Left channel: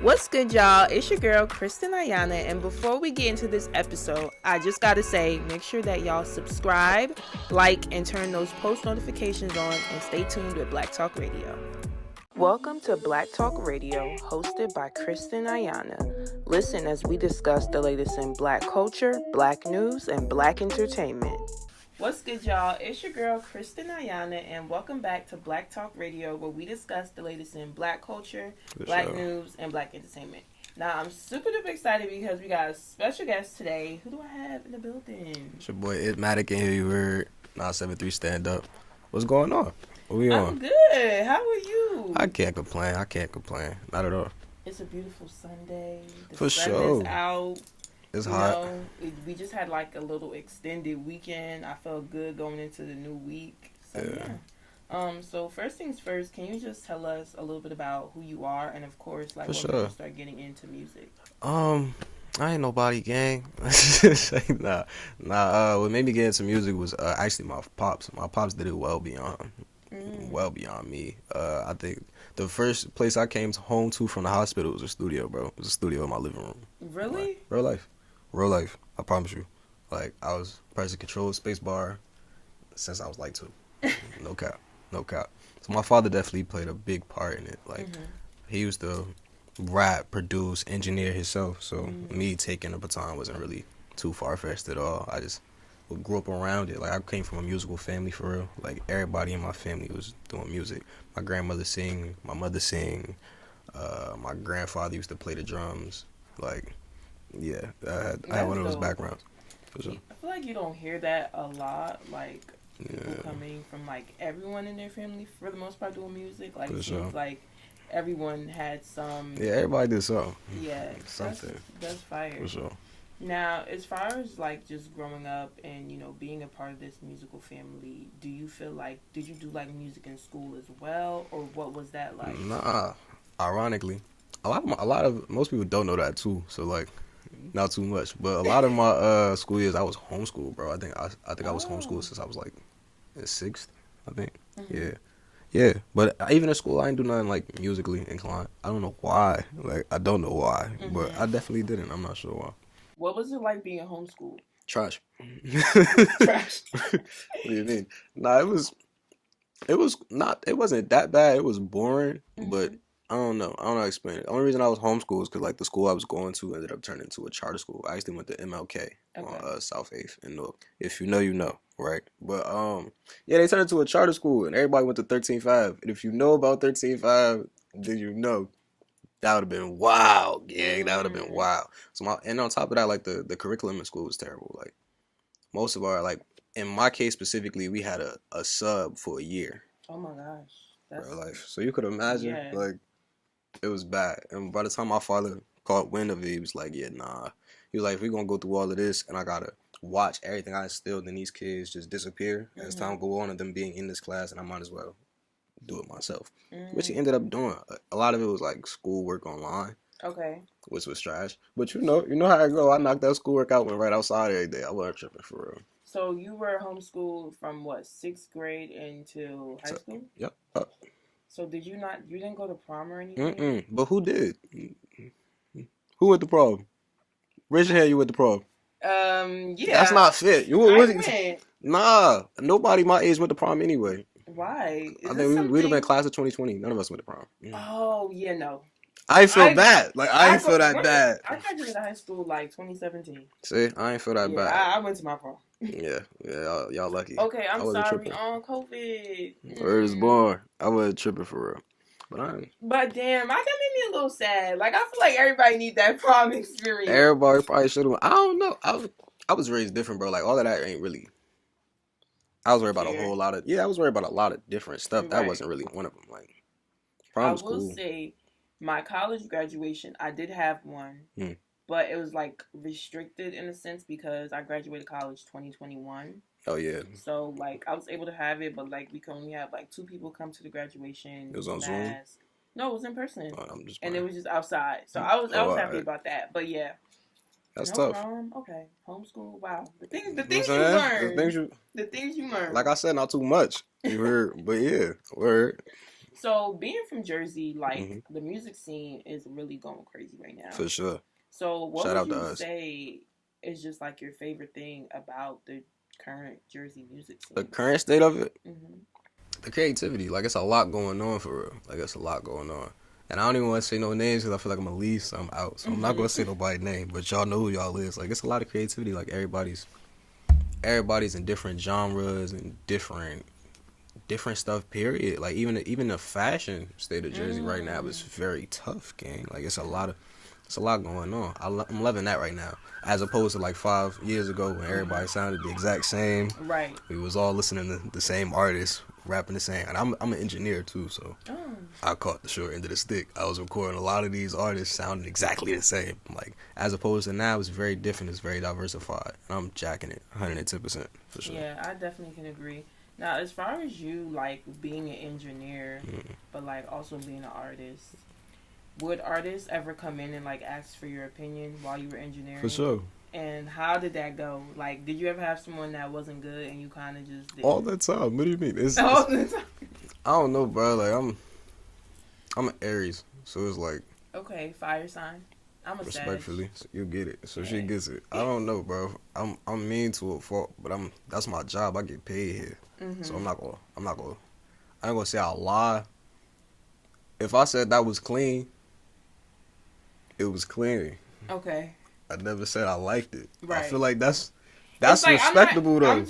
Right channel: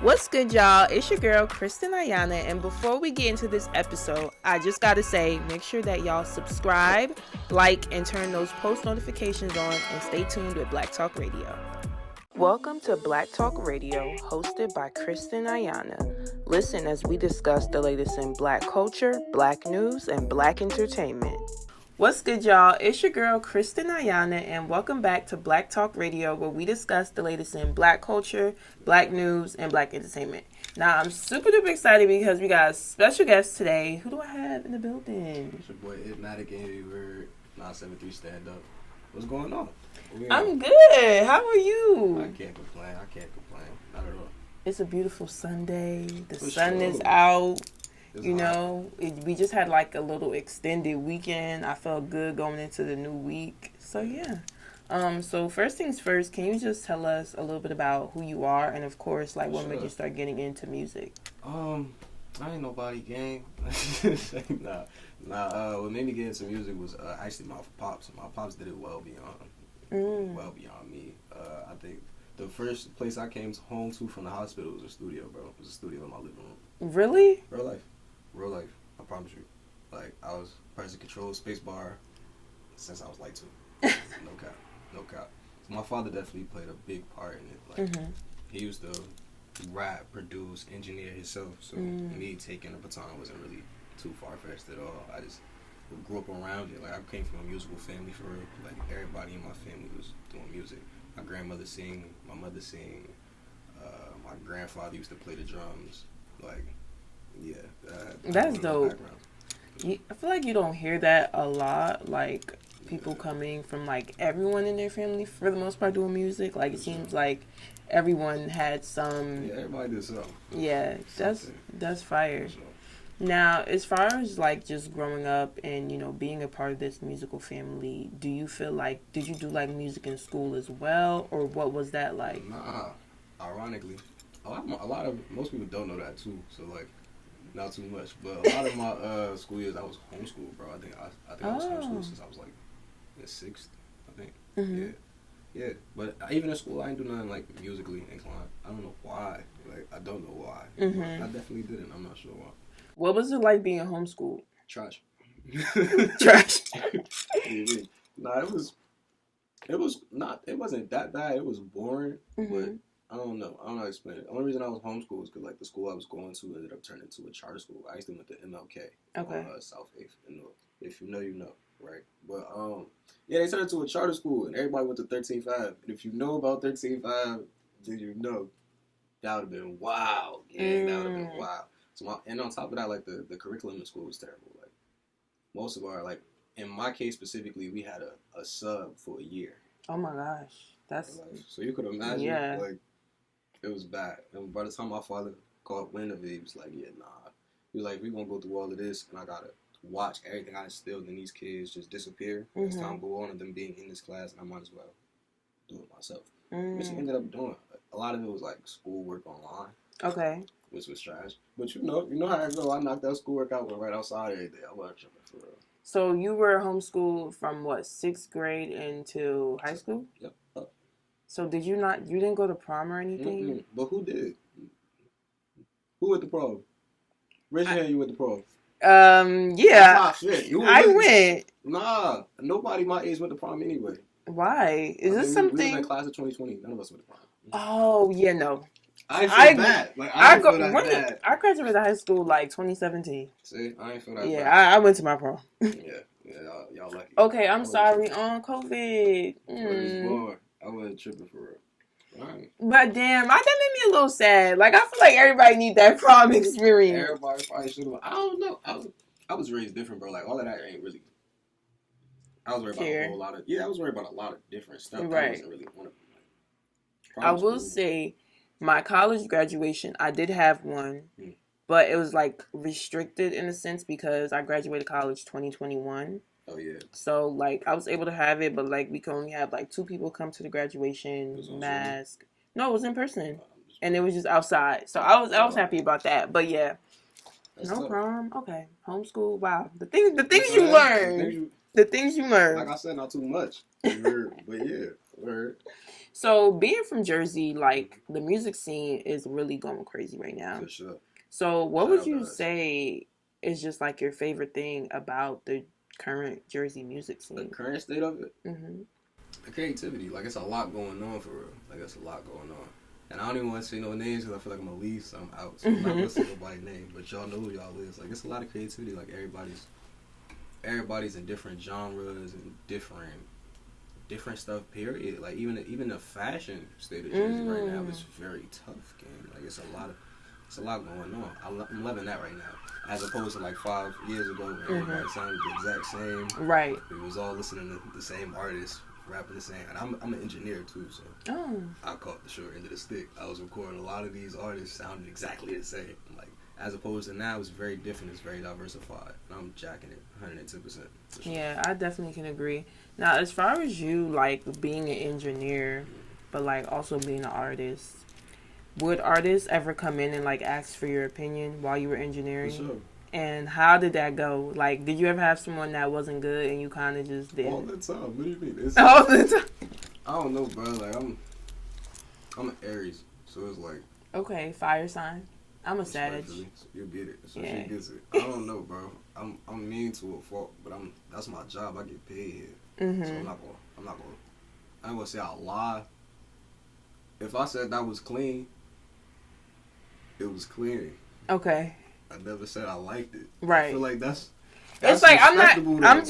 What's good, y'all? It's your girl, Kristen Ayana, and before we get into this episode, I just gotta say, make sure that y'all subscribe, like, and turn those post notifications on, and stay tuned with Black Talk Radio. Welcome to Black Talk Radio, hosted by Kristen Ayana. Listen as we discuss the latest in Black culture, Black news, and Black entertainment. What's good, y'all? It's your girl, Kristen Ayana, and welcome back to Black Talk Radio, where we discuss the latest in Black culture, Black news, and Black entertainment. Now, I'm super duper excited because we got a special guest today. Who do I have in the building? It's your boy, Mattic, in here. You heard 973 stand up. What's going on? What we on? I'm good. How are you? I can't complain. Not at all. It's a beautiful Sunday. The For sun sure. is out. It's you hot. know, we just had like a little extended weekend. I felt good going into the new week. So yeah. So first things first, can you just tell us a little bit about who you are and of course like what made you start getting into music? I ain't nobody, gang. Nah. What made me get into music was actually my pops. My pops did it well beyond me. I think the first place I came home to from the hospital was a studio, bro. It was a studio in my living room. Really? Real life. I promise you. Like, I was pressing control space bar since I was like 2. No cap. So my father definitely played a big part in it. Like, he used to rap, produce, engineer himself. So me taking the baton wasn't really too far-fetched at all. I just grew up around it. Like, I came from a musical family for real. Like, everybody in my family was doing music. My grandmother sing, my mother sing, my grandfather used to play the drums. Like, yeah, I had one of those backgrounds. Sure. I feel like you don't hear that a lot, like people coming from like everyone in their family for the most part doing music. Like, it seems like everyone had some. Yeah, everybody did something. Yeah, that's fire. For sure. Now, as far as like just growing up and, you know, being a part of this musical family, do you feel like, did you do like music in school as well, or what was that like? Nah, ironically, most people don't know that too. So like, not too much, but a lot of my school years I was homeschooled, bro. I think I was homeschooled since I was like in 6th, I think. Yeah. But even in school, I didn't do nothing like musically inclined. I don't know why. Like, I don't know why, but I definitely didn't. I'm not sure why. What was it like being homeschooled? Trash. Trash. What do you mean? Nah, it wasn't that bad. It was boring, but I don't know how to explain it. The only reason I was homeschooled is because like the school I was going to ended up turning into a charter school. I actually went to MLK on South 8th in Newark. If you know, you know, right? But yeah, they turned into a charter school and everybody went to 13.5. And if you know about 13.5, then you know. That would have been wild, gang. That would have been wild. And on top of that, like the curriculum in school was terrible. Like most of our, like in my case specifically, we had a sub for a year. Oh my gosh, that's life. So you could imagine, like it was bad. And by the time my father caught wind of it, he was like, "Yeah, nah." He was like, "We're gonna go through all of this, and I gotta watch everything I instilled in these kids just disappear as time go on, and them being in this class, and I might as well do it myself." Which he ended up doing. A lot of it was like schoolwork online. Okay. Which was trash. But you know how I go. I knocked that schoolwork out, went right outside every day. I wasn't tripping for real. So you were homeschooled from what, 6th grade into high school? Yep. So you didn't go to prom or anything? But who did? Who went to prom? Raise your hand, you went to prom. Yeah. That's not fit. I went. Nah, nobody my age went to prom anyway. Why? We'd have been class of 2020. None of us went to prom. Oh, yeah, no. I feel bad. Like, I feel that bad. I graduated high school like 2017. See, I ain't feel that bad. I went to my prom. Yeah, y'all lucky. Okay, I'm sorry. On COVID. Firstborn. I wasn't tripping for real. But damn, that made me a little sad. Like, I feel like everybody need that prom experience. Everybody probably should have. I don't know. I was raised different, bro. Like, all of that ain't really. I was worried about a whole lot of. Yeah, I was worried about a lot of different stuff. Right. That wasn't really one of them. Like, I will say, my college graduation, I did have one, but it was like restricted in a sense because I graduated college 2021. Oh yeah. So like I was able to have it, but like we could only have like 2 people come to the graduation. It was on mask. Zoom? No, it was in person, just and it was just outside. So I was happy about that. But yeah. That's tough. Prom, okay. Homeschool, wow. The things you learn. The things you learn. Like I said, not too much. Word, but yeah, word. So being from Jersey, like Mm-hmm. the music scene is really going crazy right now. For sure. So what Shout would out to you us. say is just like your favorite thing about the current Jersey music The scene? current state of it, Mm-hmm. the creativity. Like, it's a lot going on for real. Like, it's a lot going on. And I don't even want to say no names because I feel like I'm going to leave some out. So I'm not going to say nobody's name, but y'all know who y'all is. Like, it's a lot of creativity. Like, everybody's in different genres and different stuff, period. Like, even the fashion state of Jersey right now is very tough, gang. Like, it's a lot going on. I'm loving that right now, as opposed to like 5 years ago when everybody sounded the exact same. Right. We was all listening to the same artists, rapping the same. And I'm an engineer too, so Oh. I caught the short end of the stick. I was recording a lot of these artists sounding exactly the same. Like, as opposed to now, it's very different. It's very diversified. And I'm jacking it 110% for sure. Yeah, I definitely can agree. Now, as far as you like being an engineer, but like also being an artist, would artists ever come in and like ask for your opinion while you were engineering? For sure. And how did that go? Like, did you ever have someone that wasn't good and you kind of just did All the time. What do you mean? all the time? I don't know, bro. Like, I'm an Aries, so it's like, Okay, fire sign. I'm a Sag. respectfully, you get it. So Yeah. she gets it. I don't know, bro. I'm mean to a fault, but that's my job. I get paid here, so I ain't gonna say I'll lie. If I said that was clean, it was clean. Okay. I never said I liked it. Right. I feel like that's It's like respectable though. I'm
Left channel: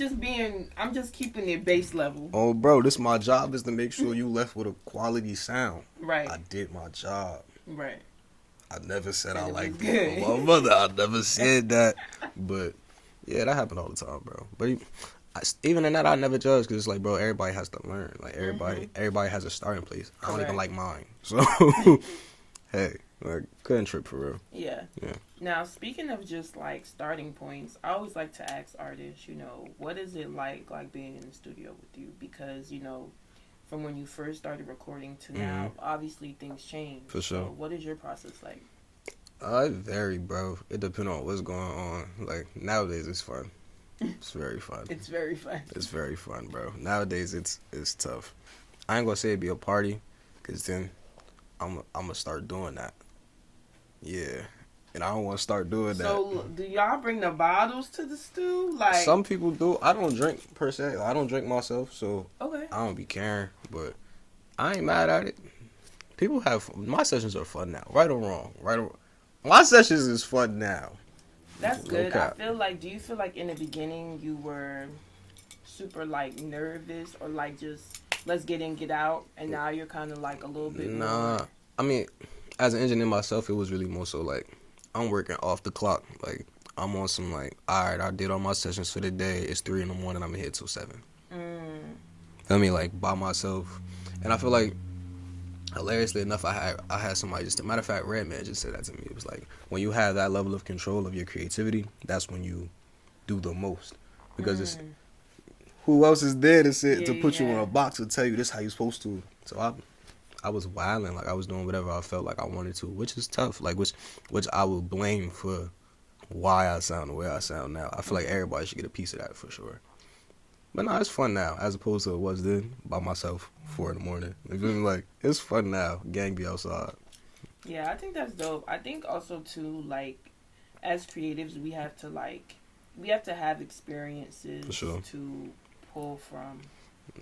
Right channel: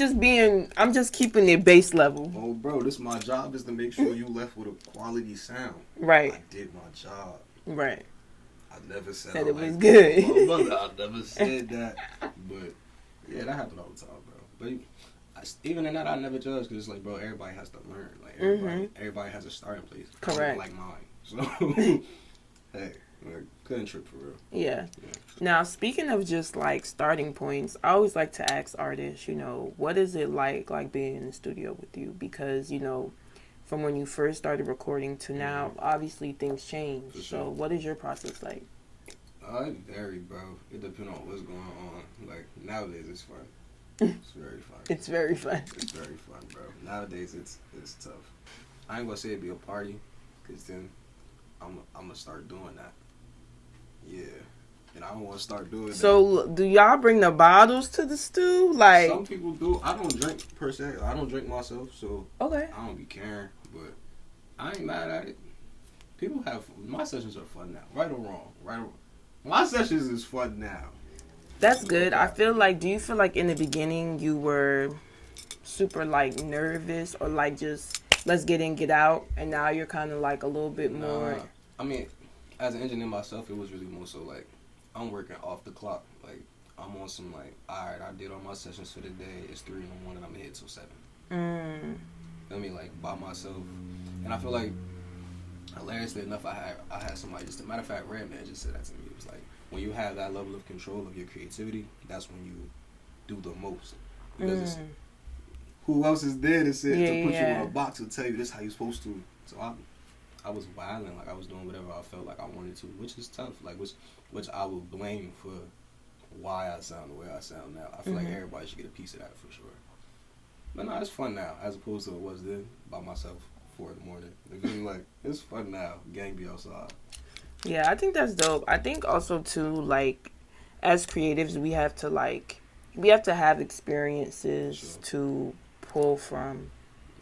just keeping it base level. Oh, bro, this my job is to make sure you left with a quality sound. Right. I did my job. Right. I never said That I it liked was good. it. My mother, I never said that. But yeah, that happened all the time, bro. But even in that, I never judge because it's like, bro, everybody has to learn. Like, everybody has a starting place. I don't even Correct. like mine. So, hey, like, couldn't trip for real. Yeah. Now, speaking of just like starting points, I always like to ask artists, what is it like being in the studio with you? Because, from when you first started recording to now, obviously things change. For sure. So what is your process like? It vary, bro. It depends on what's going on. Like, nowadays, it's fun. It's very fun. It's very fun. It's very fun, bro. Nowadays, it's tough. I ain't gonna say it'd be a party, because then I'm gonna start doing that. Yeah. And I don't want to start doing that. So do y'all bring the bottles to the stew? Like, some people do. I don't drink per se. I don't drink myself, so okay. I don't be caring. But I ain't mad at it. People have my sessions are fun now, right or wrong. My sessions is fun now. That's good. Okay. I feel like. Do you feel like in the beginning you were super like nervous or like just let's get in, get out, and now you're kind of like a little bit more? I mean, as an engineer myself, it was really more so like I'm working off the clock. Like, I'm on some like, all right, I did all my sessions for the day. It's 3 a.m. I'm here till 7. I mean, like, by myself. And I feel like, hilariously enough, I had somebody just, a matter of fact, Redman just said that to me. It was like, when you have that level of control of your creativity, that's when you do the most. Because it's, who else is there to put you in a box and tell you this how you're supposed to? So I was wilding, like I was doing whatever I felt like I wanted to, which is tough, like which I will blame for why I sound the way I sound now. I feel like everybody should get a piece of that for sure. But no, it's fun now, as opposed to it was then by myself 4 a.m. You feel me? Like, it's fun now. Gang be outside. Yeah, I think that's dope. I think also too, like, as creatives, we have to have experiences to pull from.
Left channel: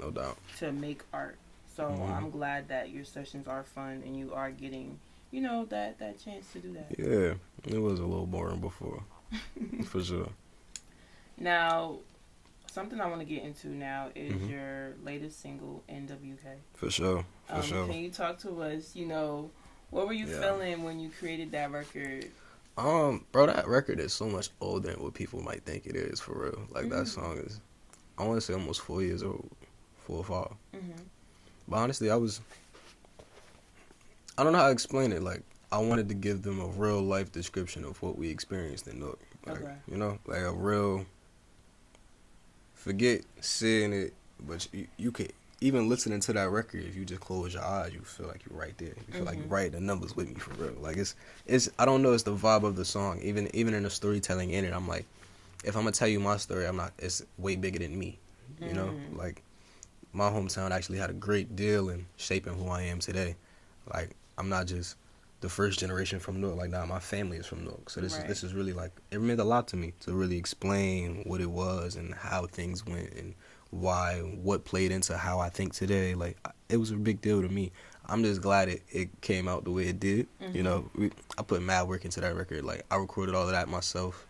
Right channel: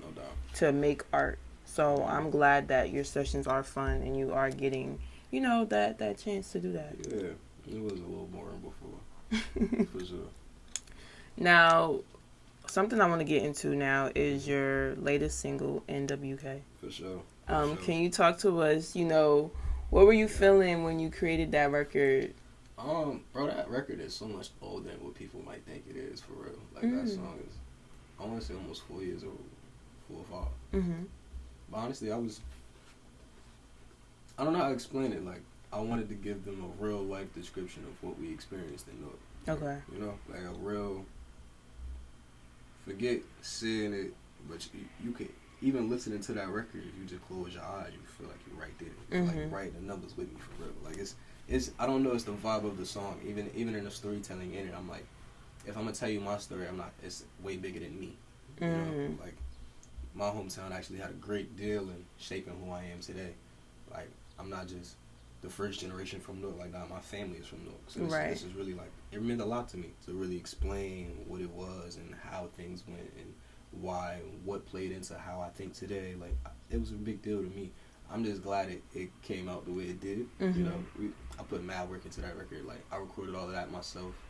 No doubt. To make art. So I'm glad that your sessions are fun and you are getting, that chance to do that. Yeah, it was a little boring before, for sure. Now, something I want to get into now is your latest single, NWK. For sure. Can you talk to us, what were you feeling when you created that record? Bro, that record is so much older than what people might think it is, for real. Like, that song is, I want to say almost 4 years old, 4 or 5. But honestly, I don't know how to explain it. Like, I wanted to give them a real life description of what we experienced in Newark. Like, like a real, forget seeing it, but you could, even listening to that record, if you just close your eyes, you feel like you're right there. You feel like you're right, the numbers with me for real. Like, it's I don't know, it's the vibe of the song. Even in the storytelling in it, I'm like, if I'm gonna tell you my story, it's way bigger than me. You know? Like, my hometown actually had a great deal in shaping who I am today. Like, I'm not just the first generation from Newark. Like, nah, my family is from Newark. So this is really, like, it meant a lot to me to really explain what it was and how things went and why, what played into how I think today. Like, it was a big deal to me. I'm just glad it came out the way it did. Mm-hmm. You know, I put mad work into that record. Like, I recorded all of that myself.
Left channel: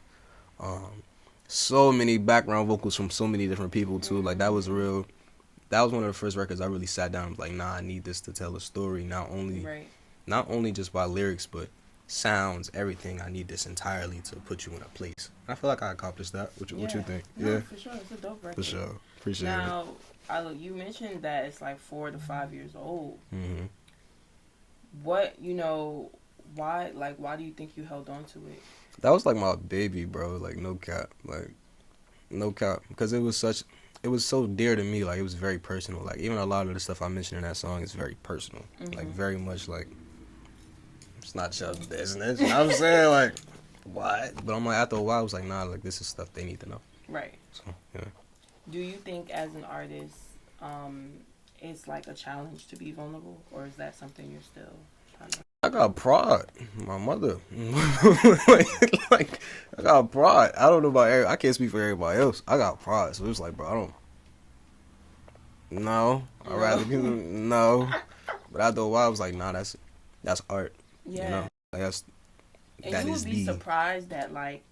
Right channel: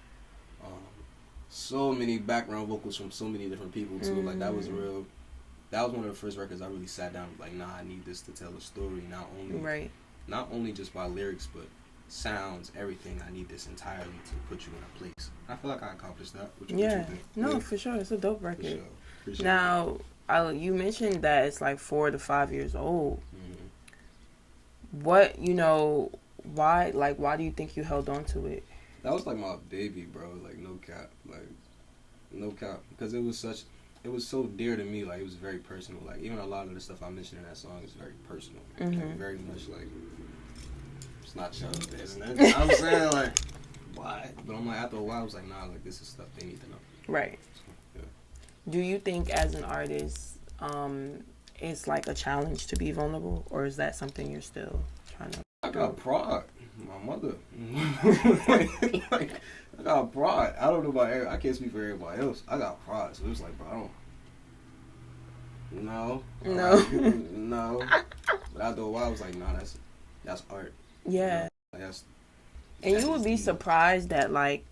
So many background vocals from so many different people, too. Mm-hmm. Like, that was one of the first records I really sat down and was like, nah, I need this to tell a story. Not only just by lyrics, but sounds, everything. I need this entirely to put you in a place. I feel like I accomplished that. What you think? No, for sure. It's a dope record. For sure. Appreciate it. Now, you mentioned that it's like 4 to 5 years old. Mm-hmm. What, why do you think you held on to it? That was like my baby, bro. Like, no cap. Because it was so dear to me. Like, it was very personal. Like, even a lot of the stuff I mentioned in that song is very personal. Mm-hmm. Like, very much like, it's not just business. You know what I'm saying? Like, what? But I'm like, after a while, I was like, nah, like, this is stuff they need to know. Right. So, yeah. Do you think as an artist, it's like a challenge to be vulnerable? Or is that something you're still trying to... I got pride. My mother. like, I got pride. I don't know about I can't speak for everybody else. I got pride. So it's like, bro, I don't... No. No. But after a while, I was like, nah, that's art. Yeah. You know? Like, and you would be surprised that, like,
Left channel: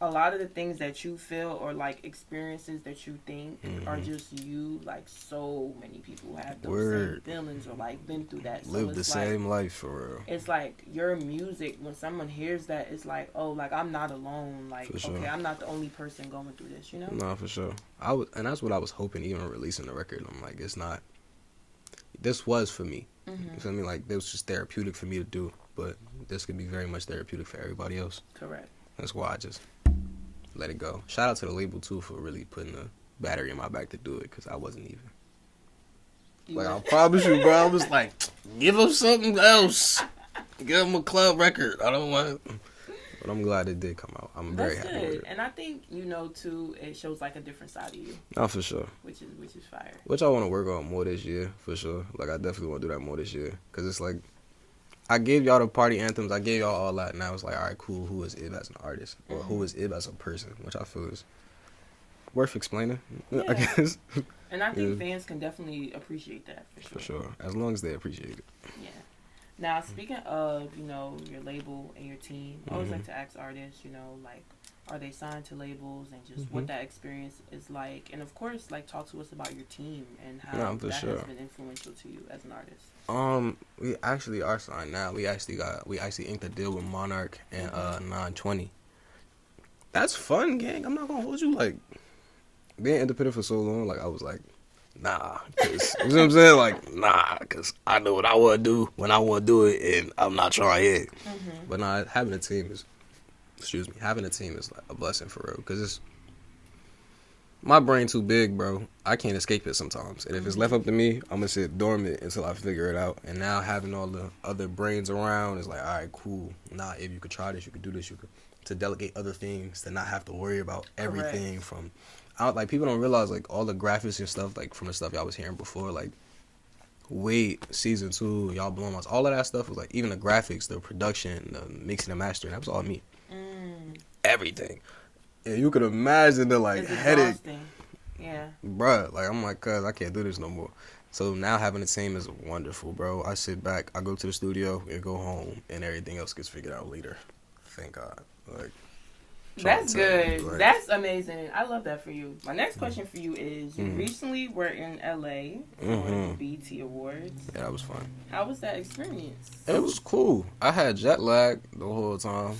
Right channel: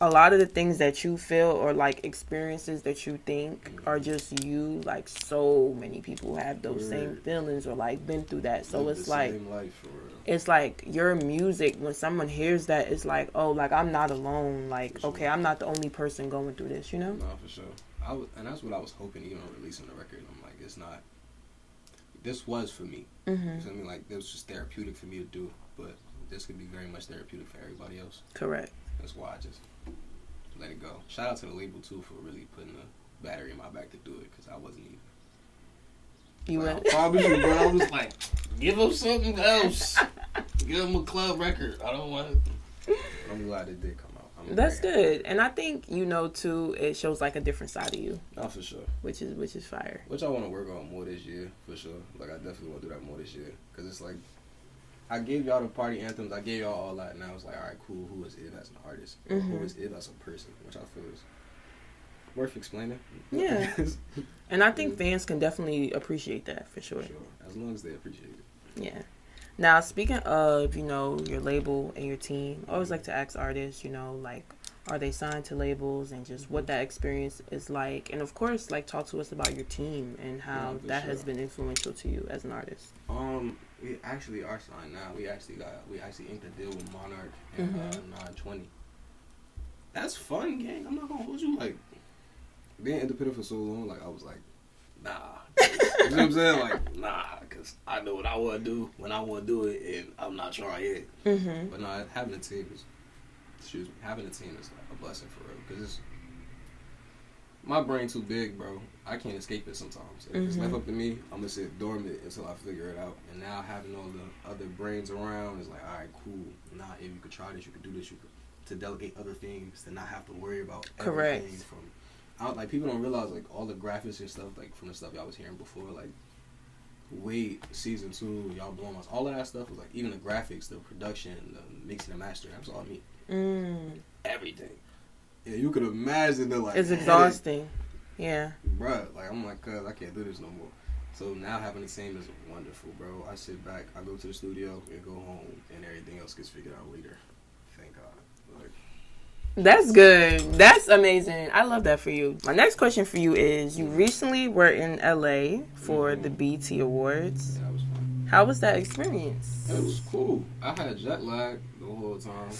a lot of the things that you feel or, like, experiences that you think are just you. Like, so many people have those same feelings or, like, been through that. So live it's the like... same life, for real. It's like your music, when someone hears that, it's like, oh, like, I'm not alone. Like, sure. Okay, I'm not the only person going through this, you know? No, for sure. And that's what I was hoping, even releasing the record. I'm like, it's not... This was for me. Mm-hmm. You feel me? Like, it was just therapeutic for me to do. But this could be very much therapeutic for everybody else. Correct. That's why I just let it go. Shout out to the label, too, for really putting the battery in my back to do it, because I wasn't even... I promise you, bro. I was like, give them something else. Give them a club record. I don't want it. But I'm glad it did come out. That's good. And I think, too, it shows like a different side of you. Oh, for sure. Which is fire. Which I want to work on more this year, for sure. Like, I definitely want to do that more this year. Because it's like, I gave y'all the party anthems. I gave y'all all that. Now it's like, all right, cool. Who is Ib as an artist? Or who is Ib as a person? Which I feel is worth explaining. Yeah. I guess. And I think fans can definitely appreciate that, for sure. For sure. As long as they appreciate it. Yeah. Now, speaking of, your label and your team, I always like to ask artists, like, are they signed to labels and just what that experience is like? And, of course, like, talk to us about your team and how that has been influential to you as an artist. We actually are signed now. We actually inked a deal with Monarch and 920. That's fun, gang. I'm not gonna hold you. Like, being independent for so long, like, I was like, nah. You know what I'm saying? Like, nah, because I know what I want to do when I want to do it, and I'm not trying yet. But nah, having a team is like a blessing for real, because it's my brain too big, bro. I can't escape it sometimes, and if it's left up to me, I'm gonna sit dormant until I figure it out. And now having all the other brains around is like, all right, cool. Nah, if you could try this, you could do this, you could, to delegate other things, to not have to worry about everything from. Like, people don't realize, like, all the graphics and stuff, like, from the stuff y'all was hearing before, like, Wait, season 2, y'all blowing us. All of that stuff was, like, even the graphics, the production, the mixing and mastering, that was all me. Everything. And you could imagine the, like, it's exhausting. Yeah. Bruh, like, I'm like, cuz, I can't do this no more. So now having a team is wonderful, bro. I sit back, I go to the studio, and go home, and everything else gets figured out later. Thank God. Like, that's good. That's amazing. I love that for you. My next question for you is, you recently were in LA for the BET Awards. Yeah, that was fun. How was that experience? It was cool. I had jet lag the whole time.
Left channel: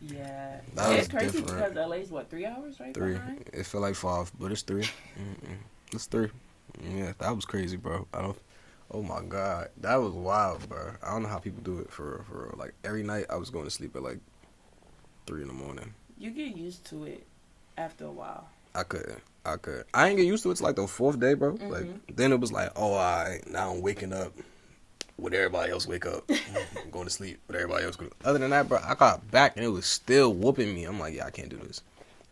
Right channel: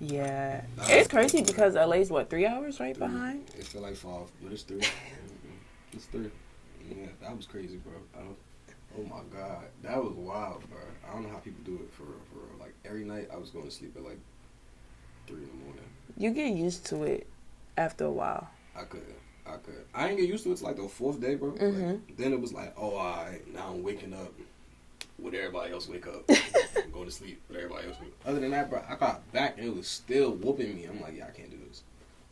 Yeah. It's crazy because LA's, 3 hours behind? It felt like 5, but it's 3. It's 3. Yeah, that was crazy, bro. Oh my God. That was wild, bro. I don't know how people do it for real. Like, every night I was going to sleep at, 3 in the morning. You get used to it after a while. I couldn't. I ain't get used to it till the 4th day, bro. Like, then it was like, oh, all right, now I'm waking up when everybody else wake up. I'm going to sleep when everybody else go. Other than that, bro, I got back and it was still whooping me. I'm like, yeah, I can't do this.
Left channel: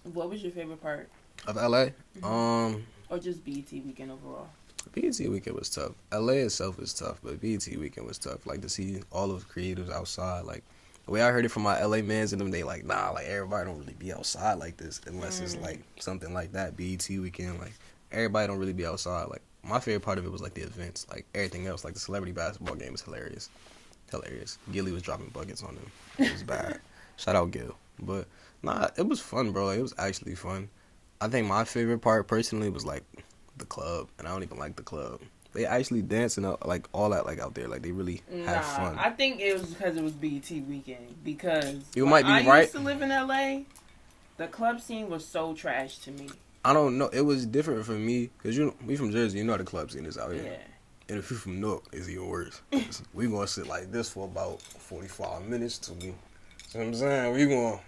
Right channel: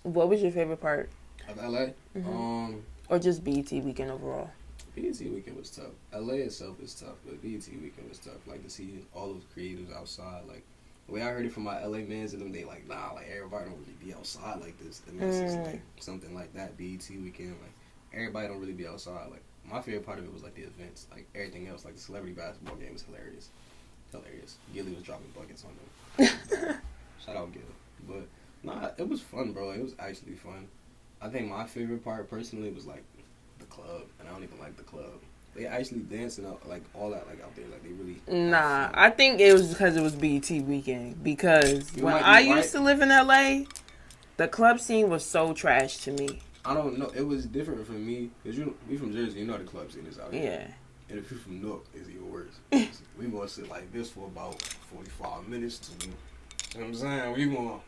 What was your favorite part of LA? or just BET weekend overall? BET weekend was tough. LA itself is tough, but BET weekend was tough. Like to see all those creators outside. Like the way I heard it from my LA mans and them, they like, nah, like everybody don't really be outside like this unless it's like something like that. BET weekend, like everybody don't really be outside. Like my favorite part of it was like the events. Like everything else, like the celebrity basketball game is hilarious. Hilarious. Gilly was dropping buckets on them. It was bad. Shout out Gil. But nah, it was fun, bro. Like, it was actually fun. I think my favorite part personally was like the club, and I don't even like the club. They actually dancing up like all that like out there, like they really have fun. I think it was because it was BET weekend. Because You when might be I right. used to live in LA, the club scene was so trash to me. I don't know. It was different for me because we from Jersey. You know how the club scene is out here. Yeah. And if you're from Newark, it's even worse. We gonna sit like this for about 45 minutes to me. You know what I'm saying? We gonna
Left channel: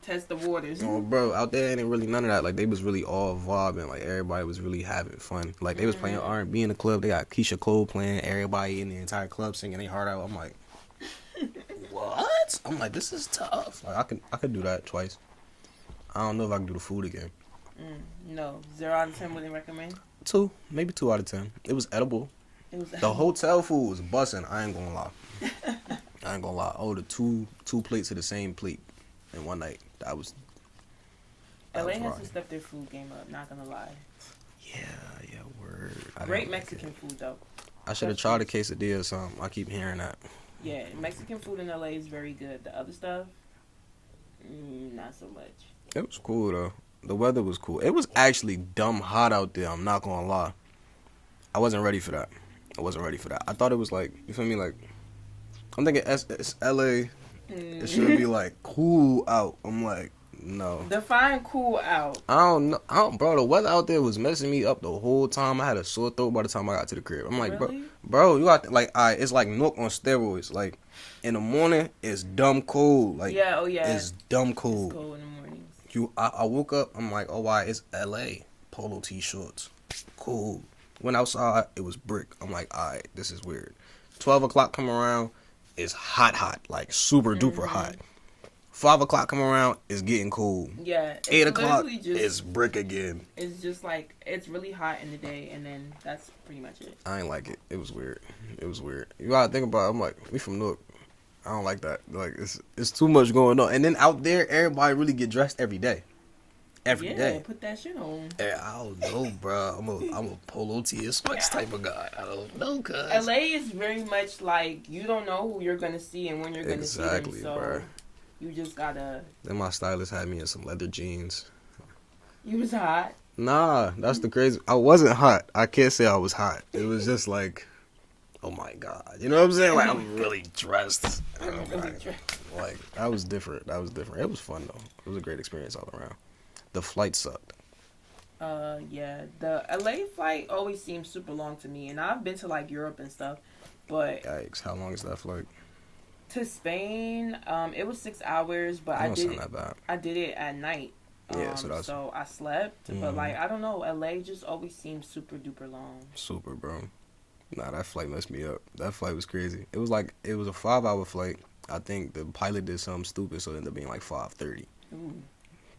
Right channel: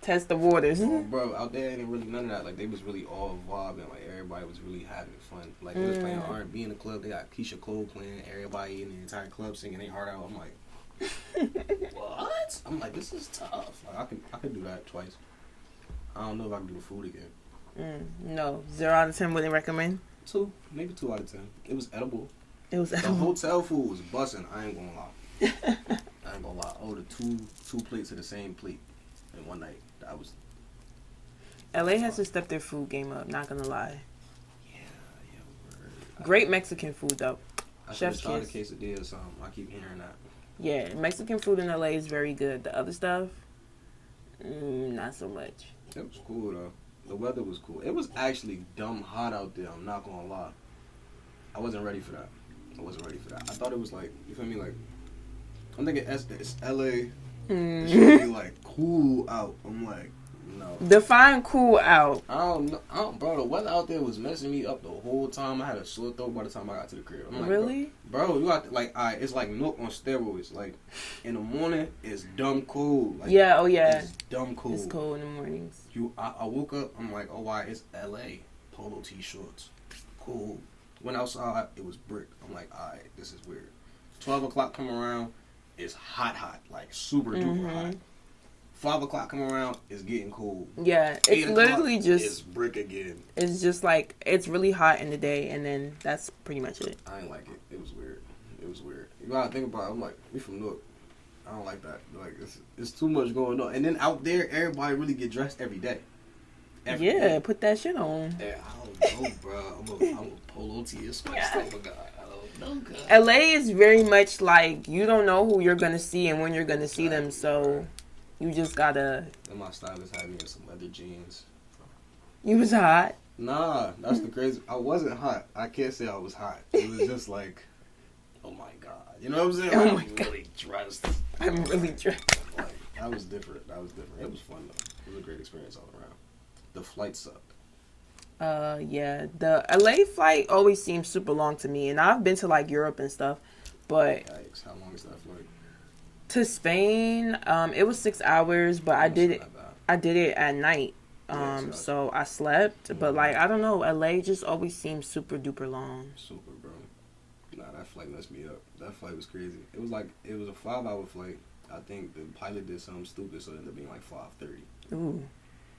test the waters. bro, out there ain't really none of that. Like they was really all vibing. Like everybody was really having fun. Like they was playing R&B in the club. They got Keisha Cole playing. Everybody in the entire club singing their heart out. I'm like, what? I'm like, this is tough. Like I could do that twice. I don't know if I can do the food again. No, 0 out of 10 wouldn't recommend. 2, maybe 2 out of 10. It was edible. It was The hotel food was busting. I ain't gonna lie. I ain't gonna lie. I ordered two plates of the same plate in one night. That was. LA has to step their food game up. Not gonna lie. Yeah, word. Great Mexican food though. I should have tried a quesadilla or something. I keep hearing that. Yeah, Mexican food in LA is very good. The other stuff, not so much. It was cool though. The weather was cool. It was actually dumb hot out there. I'm not gonna lie. I wasn't ready for that. I thought it was like, you feel me? Like, I'm thinking it's LA. It should be like cool out. I'm like, no. Define cool out. I don't know. Bro, the weather out there was messing me up the whole time. I had a sore throat by the time I got to the crib. I'm like, really? bro, you got like, it's like Newark on steroids. Like, in the morning, it's dumb cold. Like, yeah, oh yeah, it's dumb cold. It's cold in the mornings. I woke up. I'm like, oh, why? It's LA. Polo t-shirts. Cool. Went outside. It was brick. I'm like, all right, this is weird. 12 o'clock come around. It's hot. Like, super duper hot. 5 o'clock come around, it's getting cool. Yeah, it's 8 o'clock, literally just, it's brick again. It's just like, it's really hot in the day, and then that's pretty much it. I ain't like it. It was weird. You gotta think about it. I'm like, we from Newark. I don't like that. Like, it's too much going on. And then out there, everybody really get dressed every day. Every day. Put that shit on. Yeah, I don't know, bro. I'm a polo tee sweats type of guy. I don't know, cuz. LA is very much like, you don't know who you're gonna see and when you're gonna see them, so... Bro. You just gotta... Then my stylist had me in some leather jeans. You was hot? Nah, that's the crazy... I wasn't hot. I can't say I was hot. It was just like, oh my God. You know what I'm saying? Like, I'm really dressed. I'm really dressed. Like, that was different. It was fun, though. It was a great experience all around. The flight sucked. Yeah. The LA flight always seems super long to me. And I've been to, like, Europe and stuff. But... Yikes. How long is that flight? To Spain, it was 6 hours, but I did it at night. So I slept, but like, I don't know, LA just always seems super duper long. Super, bro. Nah, that flight messed me up. That flight was crazy. It was a 5-hour flight. I think the pilot did something stupid, so it ended up being like 5:30. Ooh.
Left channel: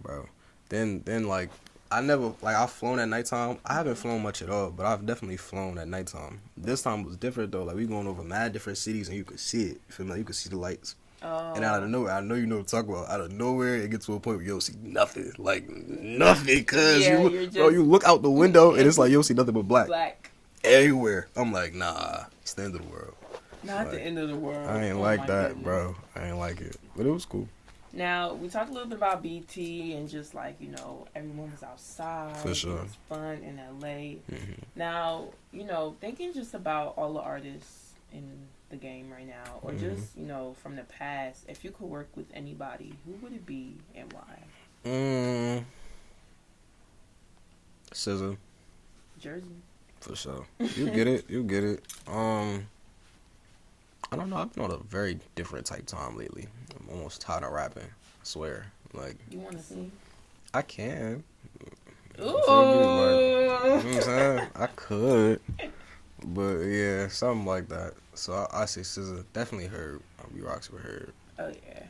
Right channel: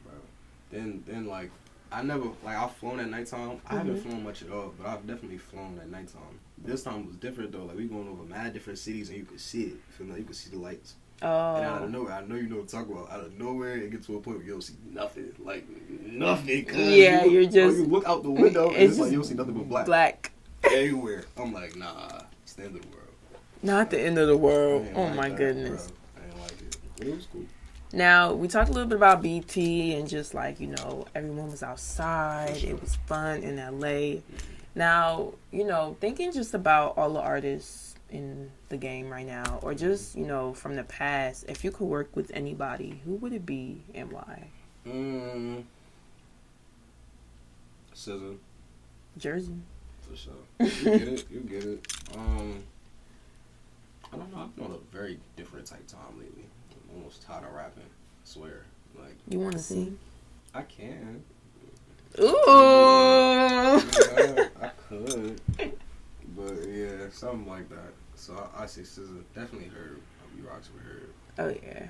Bro. Then like, I've flown at nighttime. I haven't flown much at all, but I've definitely flown at nighttime. This time was different though. Like, we going over mad different cities and you could see it. You feel me? Like, you could see the lights. Oh. And out of nowhere, I know you know what I'm talking about. Out of nowhere, it gets to a point where you don't see nothing. Like, nothing. Cause you look out the window and it's like you don't see nothing but black. Black. Everywhere. I'm like, nah, it's the end of the world. Not the end of the world. I ain't like that, goodness. Bro. I ain't like it. But it was cool. Now, we talked a little bit about BT and just like, everyone was outside. For sure. It was fun in LA. Now, thinking just about all the artists in the game right now, or just, from the past, if you could work with anybody, who would it be and why? SZA. Jersey. For sure. You get it. I don't know. I've been on a very different type time lately. I'm almost tired of rapping. I swear. Like, you want to sing? I can. Ooh. I could. But yeah, something like that. So I say SZA. Definitely Herb. I'll be rocks with Herb. Oh yeah.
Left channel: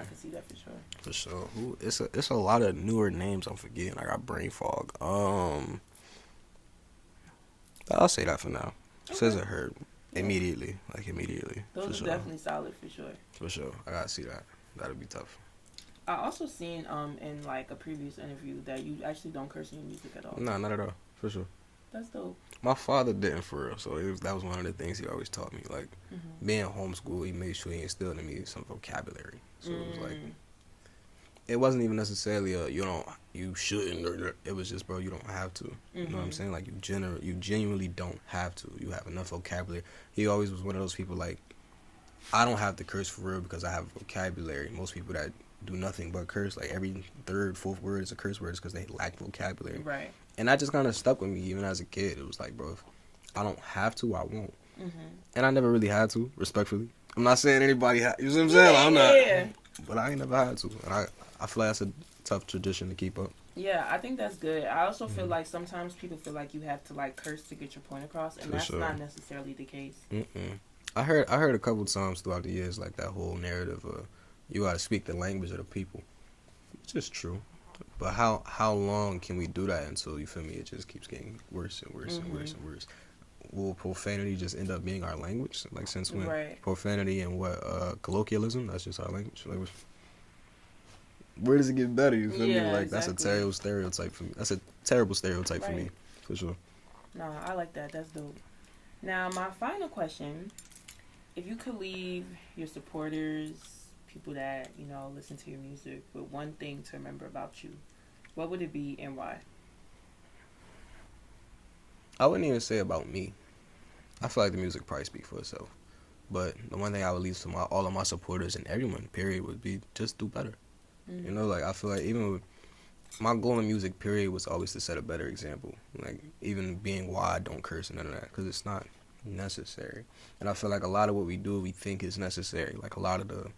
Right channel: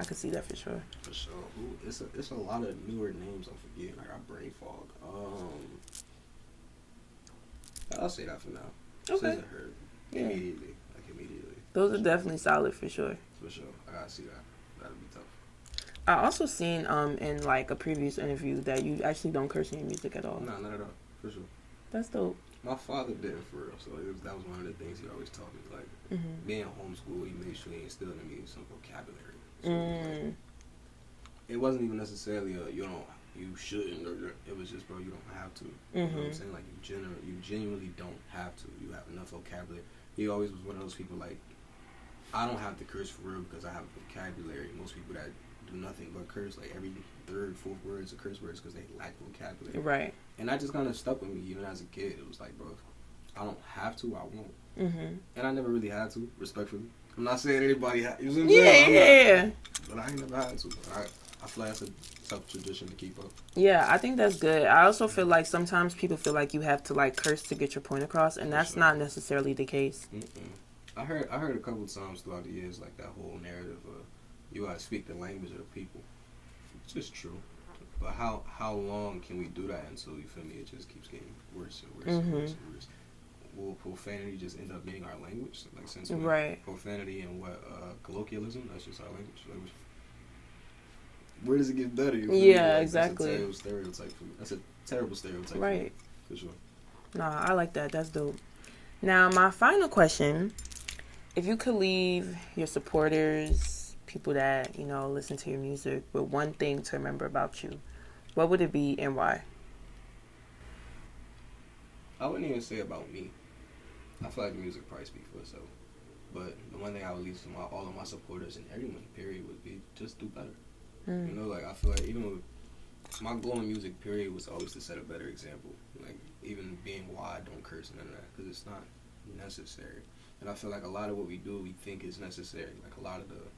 I can see that for sure. For sure. It's a lot of newer names I'm forgetting. I got brain fog. I'll say that for now. Okay. Says it hurt immediately, like immediately. Those are definitely solid for sure. For sure, I gotta see that. That'll be tough. I also seen in like a previous interview that you actually don't curse in your music at all. No, not at all. For sure. That's dope. My father didn't for real, so that was one of the things he always taught me. Like being homeschooled, he made sure he instilled in me some vocabulary. So it was like, it wasn't even necessarily you shouldn't, or it was just, bro, you don't have to. You know what I'm saying? Like you genuinely don't have to. You have enough vocabulary. He always was one of those people like, I don't have to curse for real because I have vocabulary. Most people that do nothing but curse, like every third, fourth word is a curse word, is because they lack vocabulary. Right. And that just kind of stuck with me even as a kid. It was like, bro, if I don't have to, I won't. And I never really had to, respectfully. I'm not saying anybody you know what I'm saying? I'm not. But I ain't never had to. And I feel like that's a tough tradition to keep up. Yeah, I think that's good. I also feel like sometimes people feel like you have to like curse to get your point across, and that's not necessarily the case. I heard a couple times throughout the years like that whole narrative of you gotta speak the language of the people. It's just true. But how long can we do that until, you feel me, it just keeps getting worse and worse and worse and worse? Will profanity just end up being our language? Like, since when? Profanity and colloquialism, that's just our language. Like, where does it get better? You feel me? Like, exactly. That's a terrible stereotype for me. That's a terrible stereotype for me, for sure. Nah, I like that. That's dope. Now, my final question, if you could leave your supporters, people that, you know, listen to your music, with one thing to remember about you, what would it be and why? I wouldn't even say about me. I feel like the music probably speaks for itself. But the one thing I would leave to all of my supporters and everyone, period, would be just do better. You know, like, I feel like even with my goal in music, period, was always to set a better example. Like, even being why I don't curse and none of that, because it's not necessary. And I feel like a lot of what we do, we think is necessary. Like, a lot of the,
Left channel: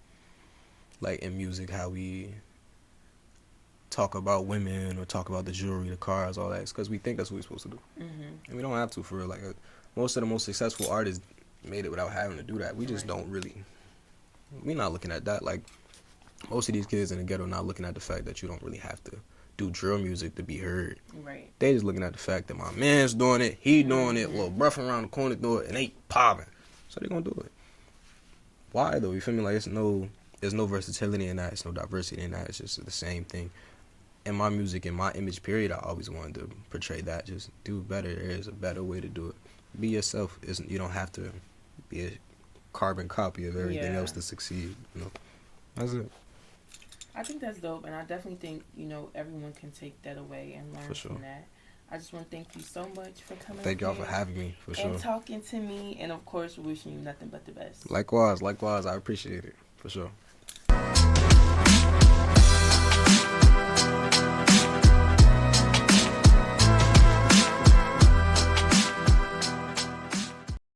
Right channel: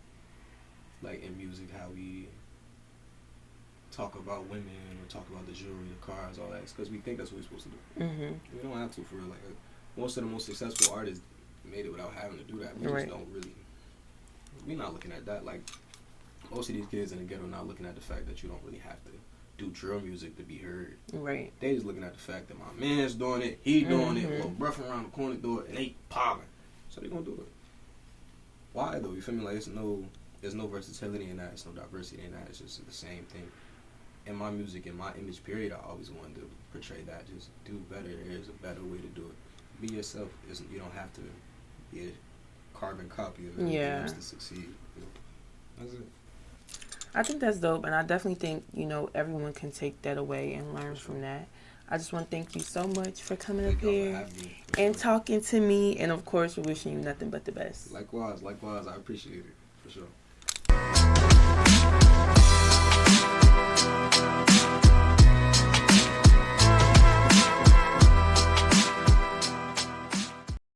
like, in music, how we talk about women or talk about the jewelry, the cars, all that, it's because we think that's what we're supposed to do. And we don't have to, for real. Like, most of the most successful artists made it without having to do that. We just don't really, we're not looking at that. Like, most of these kids in the ghetto not looking at the fact that you don't really have to do drill music to be heard. Right. They just looking at the fact that my man's doing it, he doing it, well, bruh from around the corner doing it, and they popping. So they gonna do it. Why though? You feel me? Like, there's no versatility in that. It's no diversity in that. It's just the same thing. In my music, in my image, period, I always wanted to portray that. Just do better. There is a better way to do it. Be yourself. You don't have to be a carbon copy of everything else to succeed. You know, that's it. I think that's dope, and I definitely think, you know, everyone can take that away and learn from that. I just want to thank you so much for coming up here. Thank y'all for having me. And talking to me, and of course, wishing you nothing but the best. Likewise. I appreciate it, for sure.